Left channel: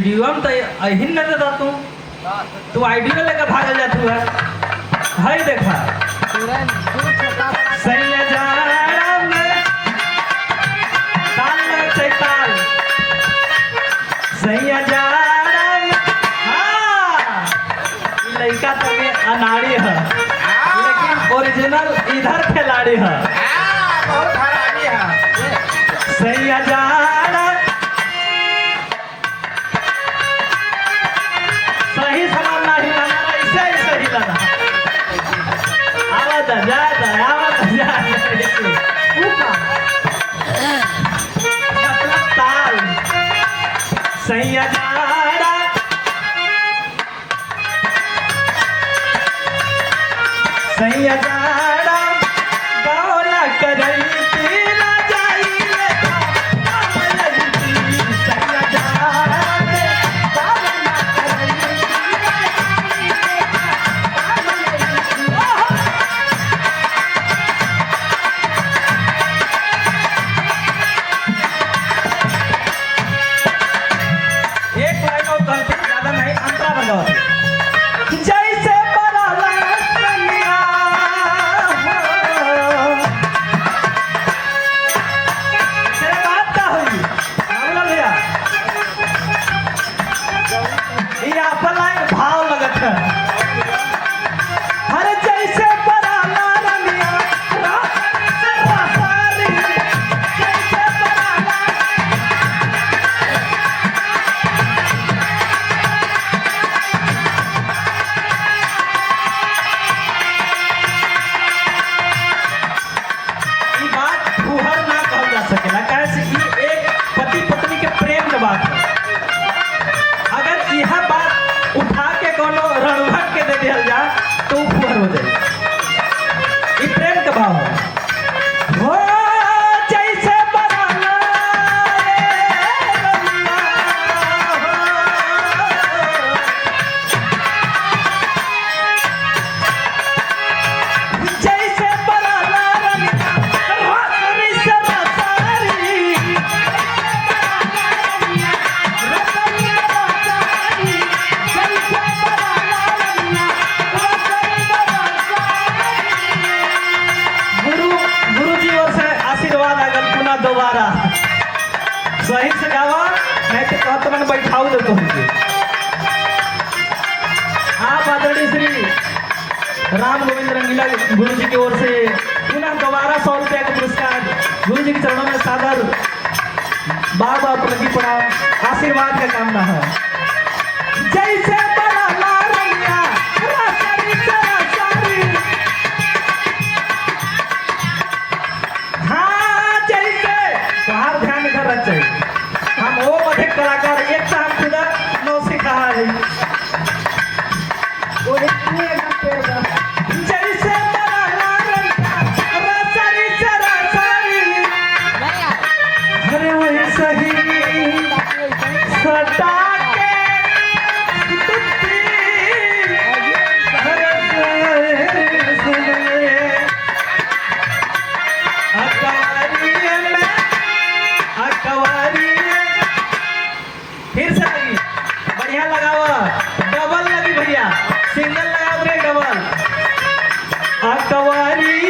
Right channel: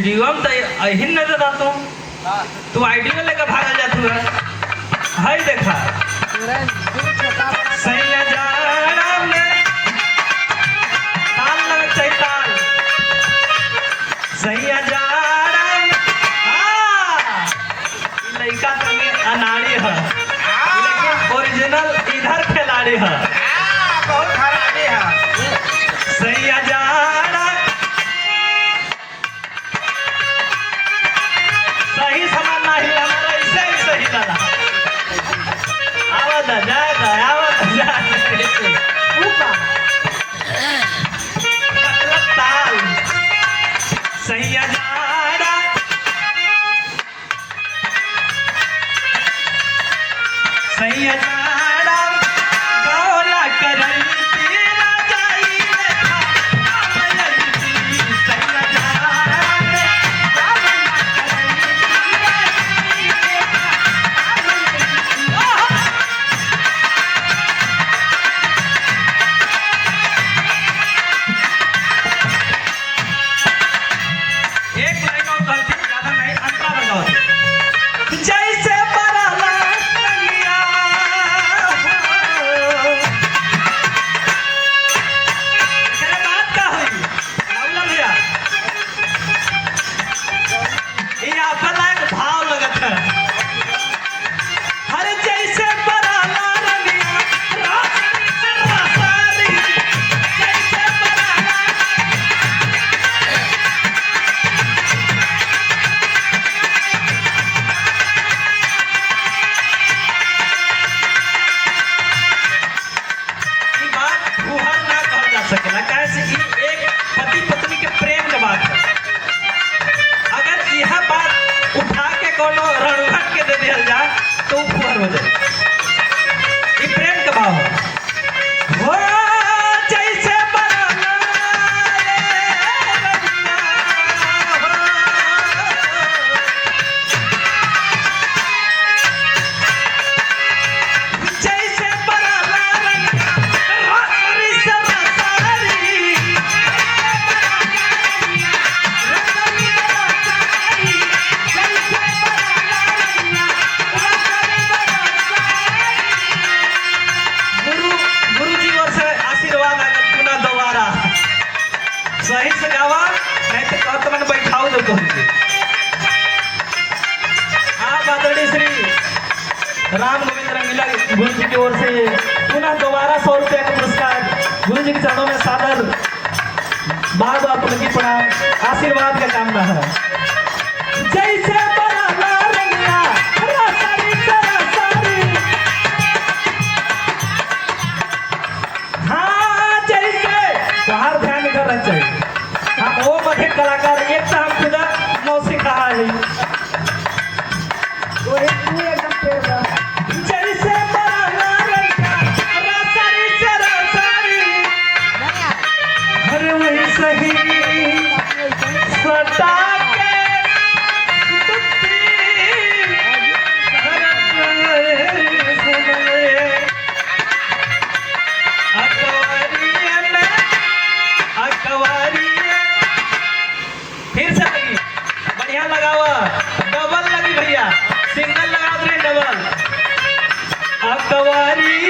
Video में तो यही नजर आता हूँ। तू आइडियो लेकर भागल जा तू है देखा सही जाड़ा में ताल लगे चाहिए ताल सही जाड़ा में। हाँ लड़का तो के अनाड़ी है लेकिन ओरिजिनल इधर खिलाड़ी है। बहुत हरामी है। सही जाड़ा सही सामान ना हिला हमारा ऐसे ही सही लगा आवाज जा मतलब ताल सही जाड़ा सही जाड़ा गौला करई तेरा जाई लेखा सही जाड़ा गौला करई एक लाइन और कहते ज्यादा नहीं अंतरा बंगाओ जैसे बरला कन्या तेरे बात का हुई राहुल भैया ये अपन एक भाव लगत है हर जैसे बरला रंगिया रासारी जैसे बरला ई बात फुहर ना कहल जा सकेला काहे से ई एक पति पत्नी के प्रेम के बात है। अगर यह बात उठा के कोनो रणभट के दे दिया जाए तो फुहर हो जाए। ई प्रेम के भाव है हो जैसे बरला जैसे बरला रंगी सरसारी गुरुजी ओर से आशीर्वाद आगल पुनः दोबारा सही से गावा नहीं तो कहते मैंने बैठाऊ दे तो आप आदरणीय श्री राम गोविंद रंगीला गुरु जी की ओर से पुनः दोबारा 100 रुपये का पुरस्कार गुरु जी के चरणों में सादर बार बार प्रति प्रणाम आशीर्वाद का कामना है। जैसे बरला रंगिया रसारी सरसारी हाँ जैसे तुम्हारा ध्यान इधर रख चाहिए हम वो अधिक कलाकार एक तो हम खुदा नौ सिखा है वो जैसे बरला रंगिया रसारी सरसारी अरे वही सही सटा के फिर से लगी बढ़िया लगावा डबल लगी भैया सिंगल लगा दे डबल अकवारी